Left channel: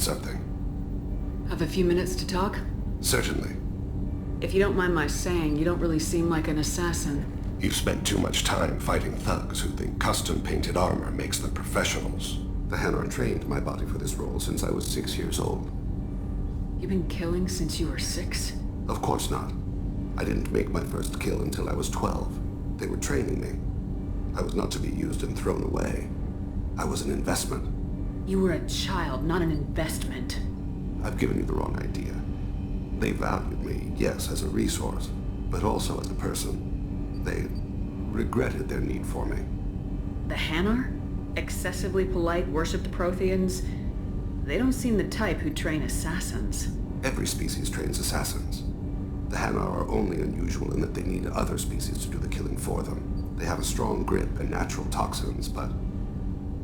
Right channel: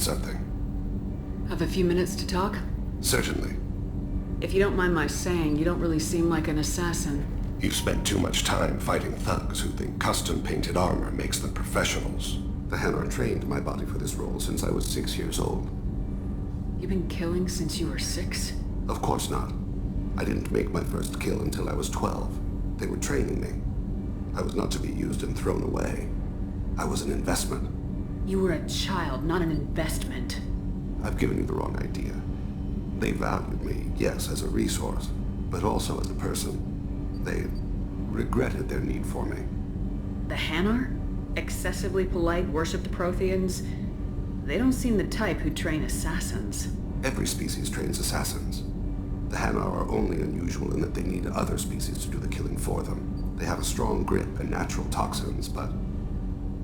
need something. Have a few minutes to talk? Certainly. If you don't mind my saying, you don't really seem like an assassin. You've spent too much time fighting thugs who think custom-painted armor makes them professionals. The Hanar trained my body for this role since I was 6 years old. You've been killing since you were 6? Of course not. I didn't make my first kill until I was 12. They were training me. I was not to be used and thrown away. I was an investment. You were a child, not an investment. I've given you the wrong idea. They valued me, yes, as a resource, but also as a person. They regretted their need for me. The Hanar? Excessively polite, worship the Protheans? They don't seem the type who train assassins. Every species trains assassins. The Hanar are only unusual in that they need other species to do the killing for them. They have a strong grip and natural toxins, but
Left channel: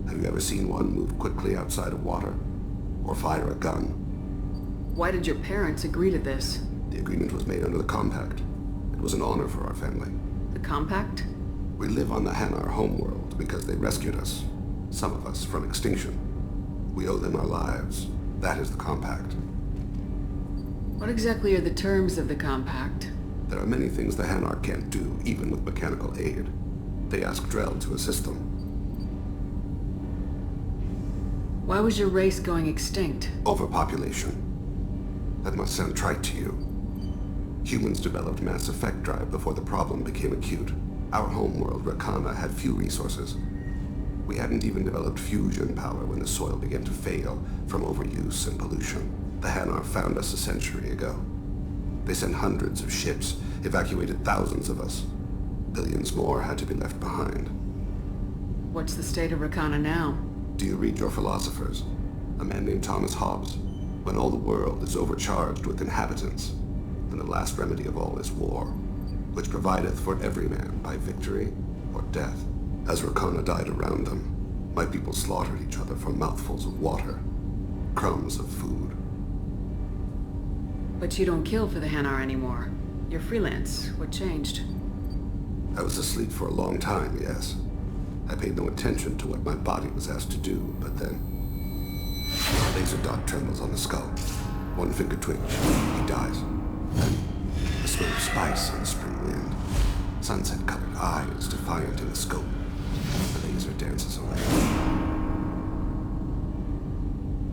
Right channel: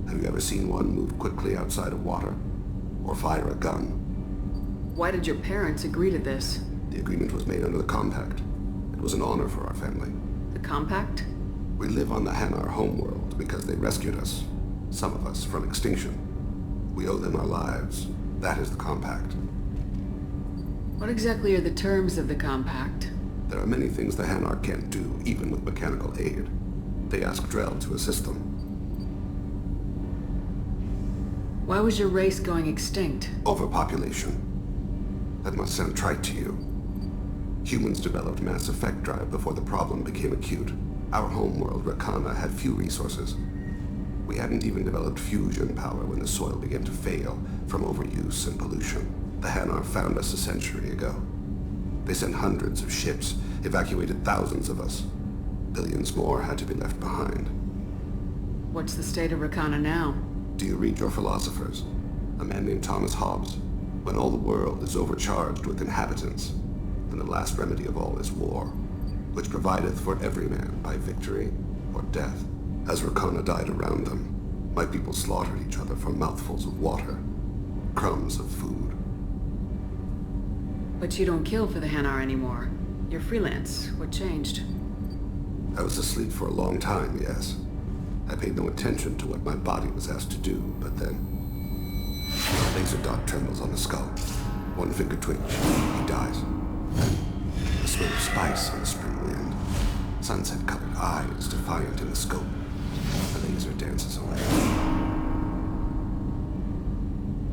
have you ever seen one move quickly outside of water? Or fire a gun? Why did your parents agree to this? The agreement was made under the Compact. It was an honor for our family. The Compact? We live on the Hanar homeworld because they rescued us. Some of us from extinction. We owe them our lives. That is the Compact. What exactly are the terms of the Compact? There are many things the Hanar can't do, even with mechanical aid. They ask Drell to assist them. Why was your race going extinct? Overpopulation. That must sound trite to you. Humans developed mass effect drive before the problem became acute. Our homeworld, Rakana, had few resources. We hadn't even developed fusion power when the soil began to fail from overuse and pollution. The Hanar found us a century ago. They sent hundreds of ships, evacuated thousands of us. Billions more had to be left behind. What's the state of Rakana now? Do you read your philosophers? A man named Thomas Hobbes. When all the world is overcharged with inhabitants, then the last remedy of all is war, which provideth for every man by victory or death. As Rakana died around them, my people slaughtered each other for mouthfuls of water, crumbs of food. But you don't kill for the Hanar anymore. You're freelance. What changed? I was asleep for a long time, yes. I paid no attention to what my body was asked to do, but then a laser dot trembles on the skull. One finger twitch, he dies. Then the smell of spice on the spring wind. Sunset-colored eyes defiant in the scope. The laser dances away.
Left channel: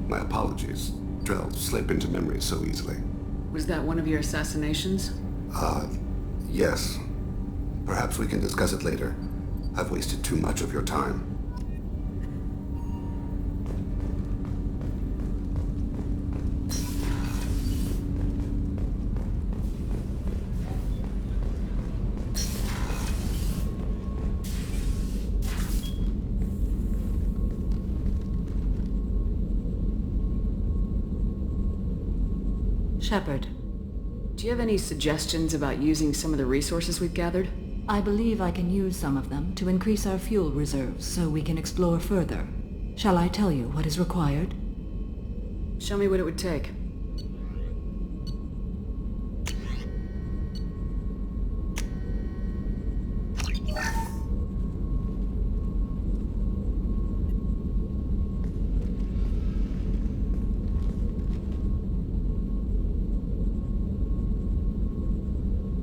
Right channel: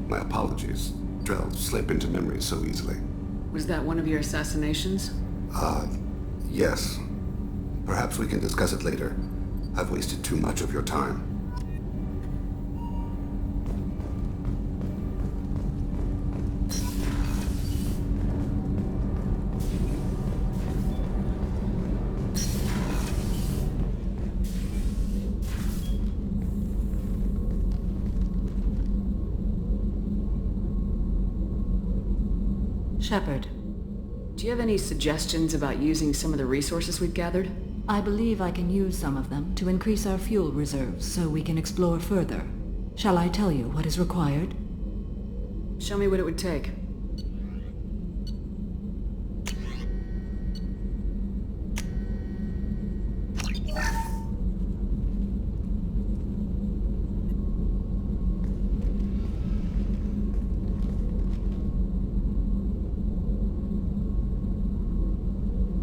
My apologies. Drell slip into memory so easily. Was that one of your assassinations? Yes. Perhaps we can discuss it later. I've wasted too much of your time. Shepard, do you have any suggestions about using some of the resources we've gathered? I believe I can use some of them to increase our fuel reserves so we can explore further. Shall I tell you what is required? Show me what it would take.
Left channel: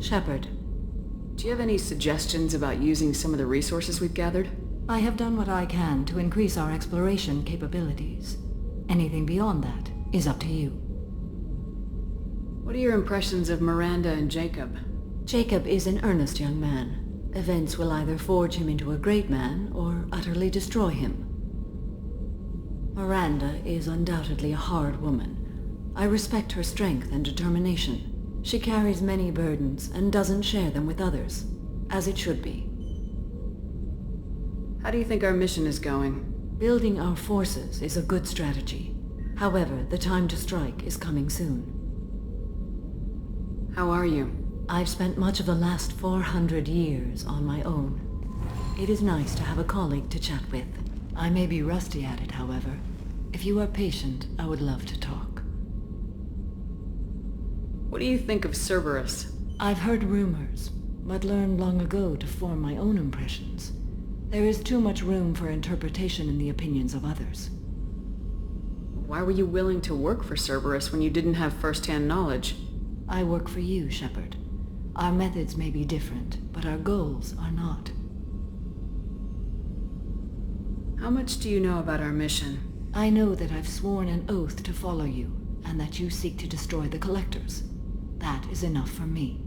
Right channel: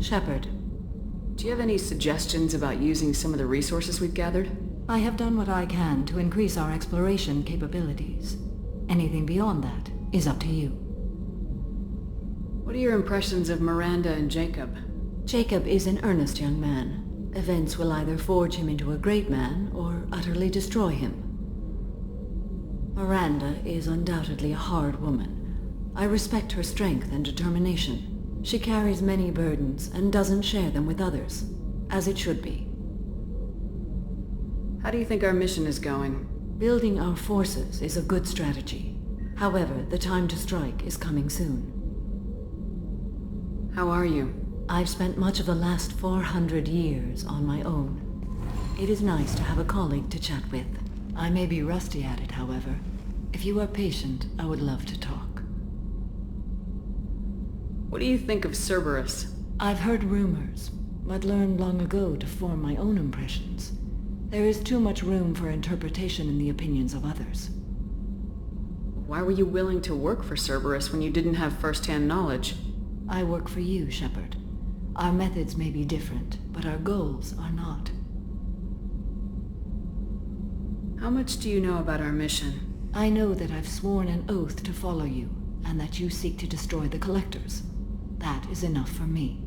Shepard, do you have any suggestions about using some of the resources we've gathered? I have done what I can to increase our exploration capabilities. Anything beyond that is up to you. What are your impressions of Miranda and Jacob? Jacob is an earnest young man. Events will either forge him into a great man or utterly destroy him. Miranda is undoubtedly a hard woman. I respect her strength and determination. She carries many burdens and doesn't share them with others, as it should be. How do you think our mission is going? Building our forces is a good strategy. However, the time to strike is coming soon. How are you? I've spent much of the last 400 years on my own. It is nice to have a colleague to chat with. I may be rusty at it, however. If you are patient, I would love to talk. What do you think of Cerberus? I've heard rumors, but learned long ago to form my own impressions. There is too much room for interpretation in the opinions of others. Why were you willing to work for Cerberus when you didn't have first-hand knowledge? I work for you, Shepard. Our methods may be different, but our goals are not. How much do you know about our mission? I know that I've sworn an oath to follow you, and that you seek to destroy the Collectors. That is enough for me.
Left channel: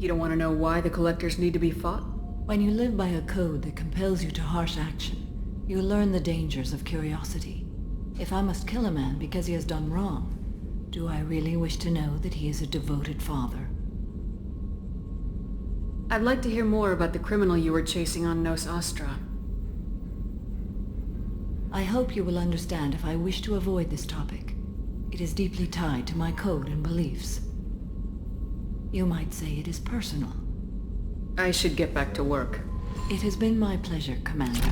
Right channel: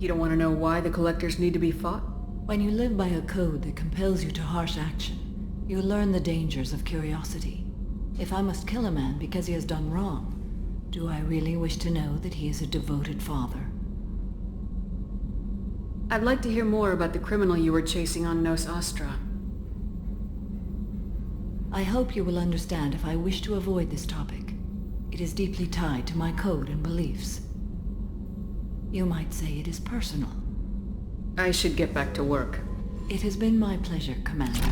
You don't want to know why the Collectors need to be fought? When you live by a code that compels you to harsh action, you learn the dangers of curiosity. If I must kill a man because he has done wrong, do I really wish to know that he is a devoted father? I'd like to hear more about the criminal you were chasing on Nos Astra. I hope you will understand if I wish to avoid this topic. It is deeply tied to my code and beliefs. You might say it is personal. I should get back to work. It has been my pleasure, Commander.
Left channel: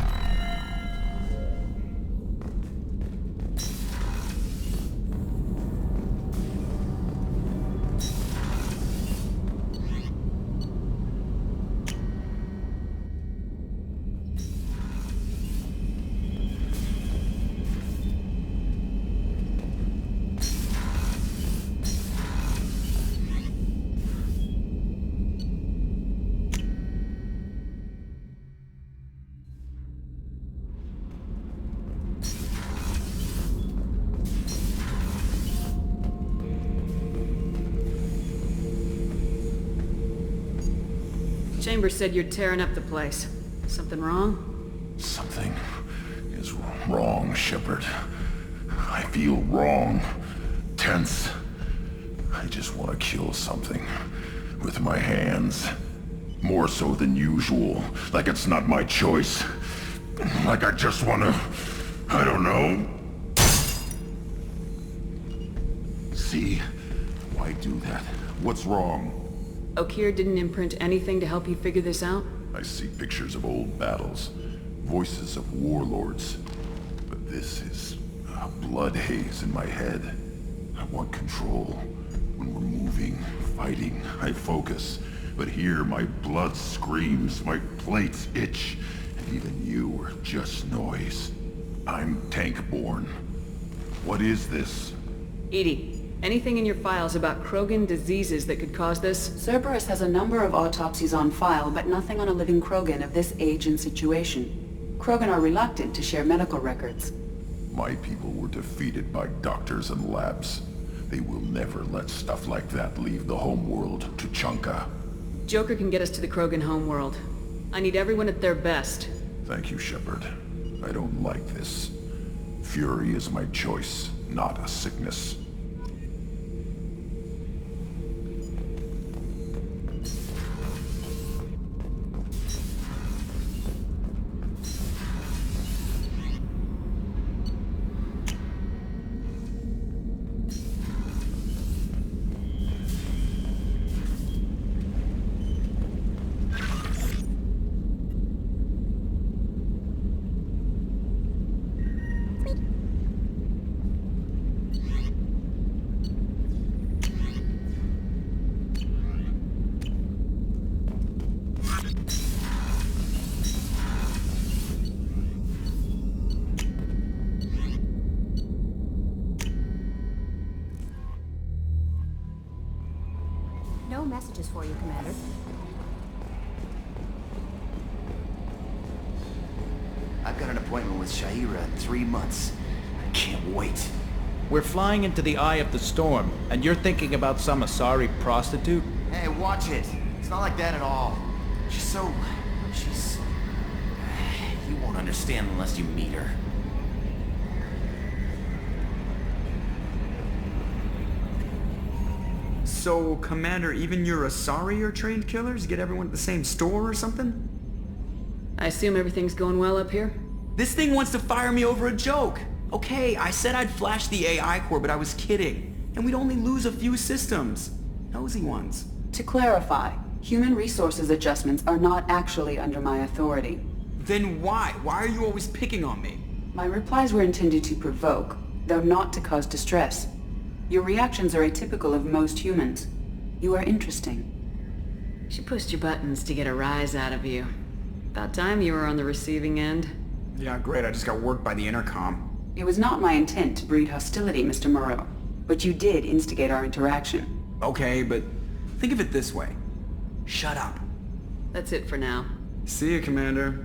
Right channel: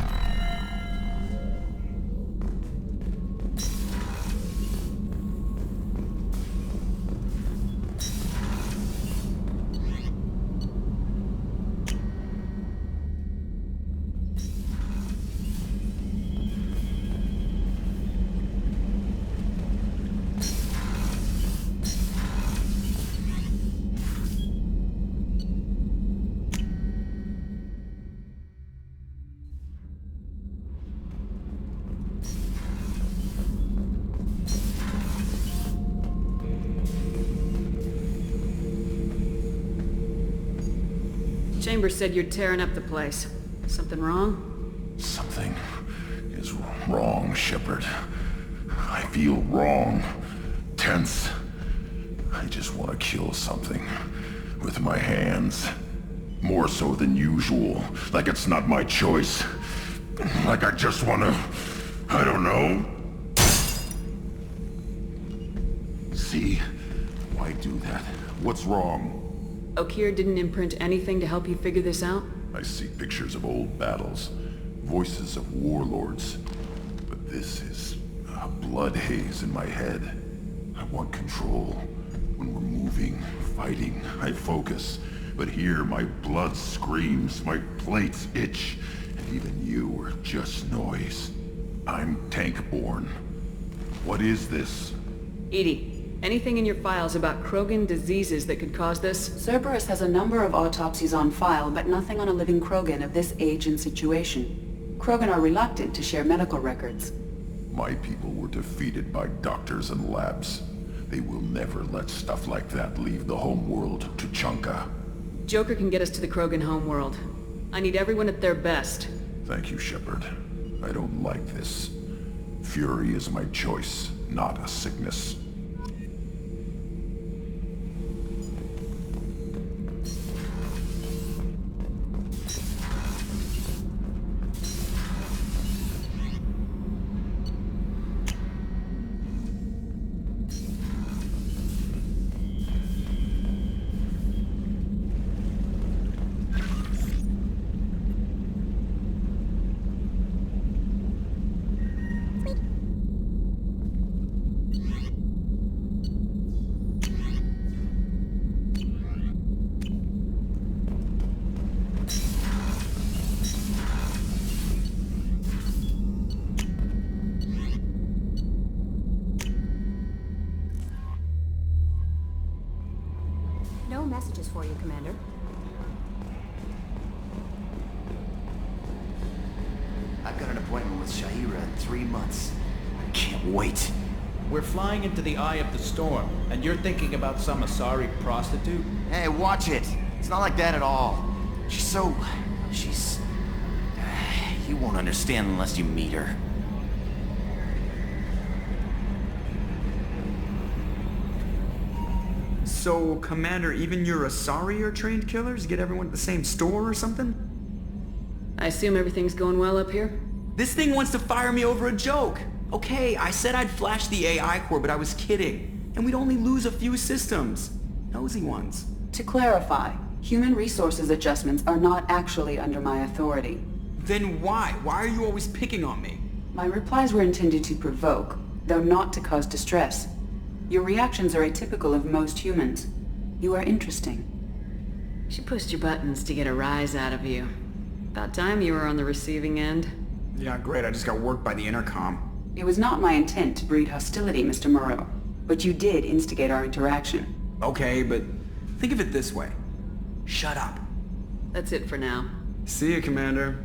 Chambers said you're tearing up the place. Something wrong? Something is wrong, Shepard. I feel wrong. Tense. I just want to kill something. With my hands. More so than usual. Like it's not my choice. Like I just want to... I don't know. See? Why do that? What's wrong? Okeer didn't imprint anything to help you figure this out? I see pictures of old battles, voices of warlords, but this is a blood haze in my head. I want control. When we're moving, fighting, I focus. But here my blood screams, my plates itch, and even you are just noise. I'm tank-born. What is this? EDI, anything in your files about Krogan diseases that could cause this? Cerberus has a number of autopsies on file, but nothing on a living Krogan of this age and situation. Krogan are reluctant to share medical records. My people were defeated by doctors and labs. They will never let stuff like that leave the homeworld to Chunka. Joker can get us to the Krogan homeworld. I need everyone at their best. Thank you, Shepard. I don't like this. Fury is my choice, not a sickness. No messages for you, Commander. I've got an appointment with Sha'ira in 3 months. I can't wait. We're flying into the eye of the storm, and you're thinking about some Asari prostitute? Hey, watch it. It's not like that at all. She's... You won't understand unless you meet her. So, Commander, even your Asari are trained killers? Get everyone at the same store or something? I assume everything's going well up here? This thing wants to fire me over a joke. Okay, I said I'd flash the AI core, but I was kidding. And we'd only lose a few systems. Nosy ones. To clarify, human resources adjustments are not actually under my authority. Then why? Why are you always picking on me? My replies were intended to provoke, though not to cause distress. Your reactions are atypical of most humans. You are interesting. She pushed your buttons to get a rise out of you. About time you were on the receiving end. Yeah, great. I just got worked by the intercom. It was not my intent to breed hostility, Mr. Moreau, but you did instigate our interaction. Okay, but think of it this way. Shut up. That's it for now. See ya, Commander.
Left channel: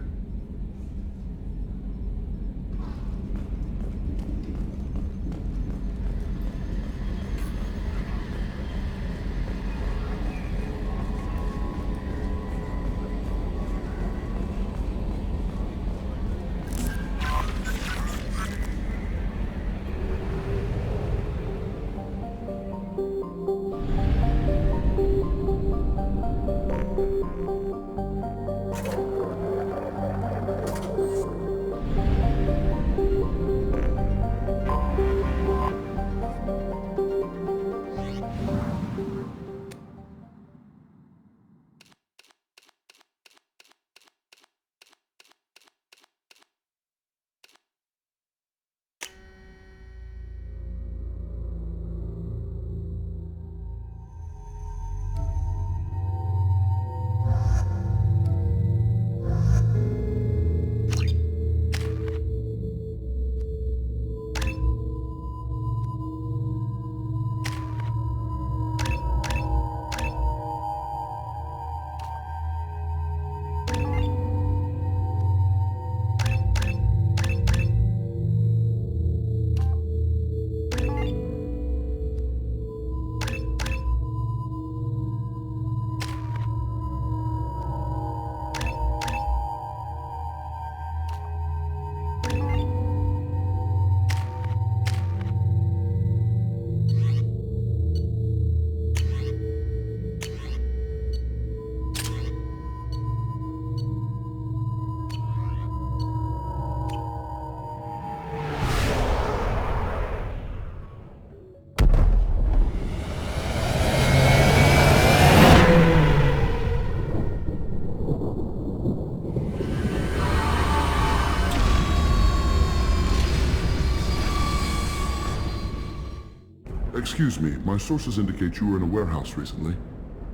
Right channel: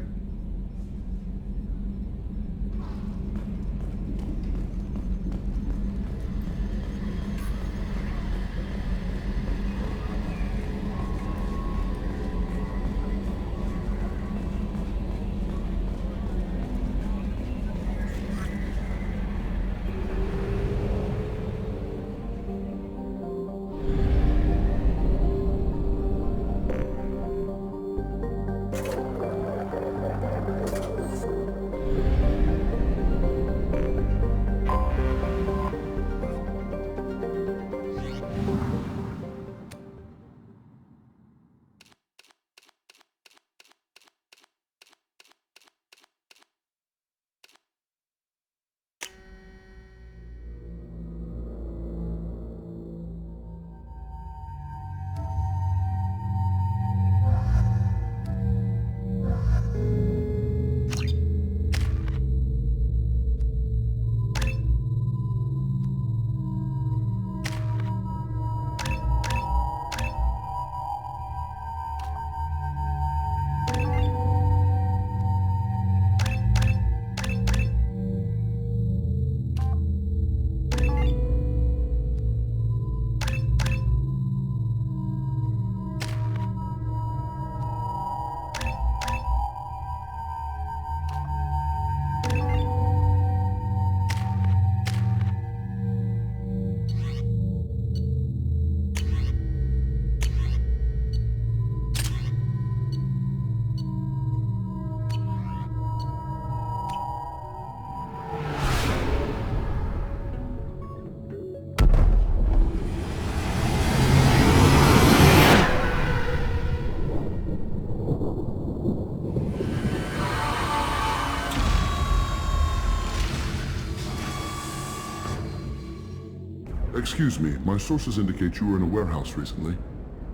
Excuse me, my sources indicate you were in a warehouse recently.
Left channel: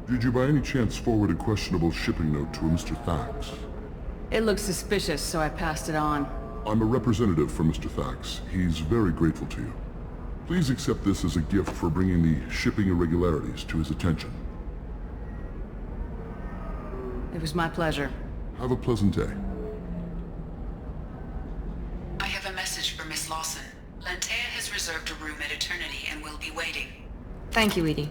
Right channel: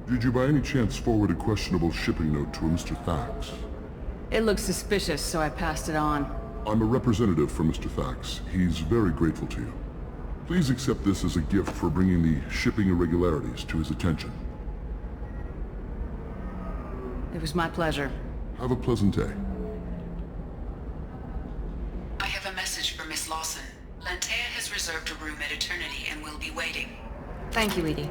Did you by any chance forward a questionable shipping note to a Mr. Thax? It looks suspicious, so I passed it on. I'm a representative for Mr. Thax. He's very grateful to you. Please accept this as a gift for bringing the shipping irregularities to his attention. It was my pleasure. Have a pleasant day. I have a message for Miss Lawson. Lantea has reserved a room at Eternity and will be waiting. Thank you, Edie.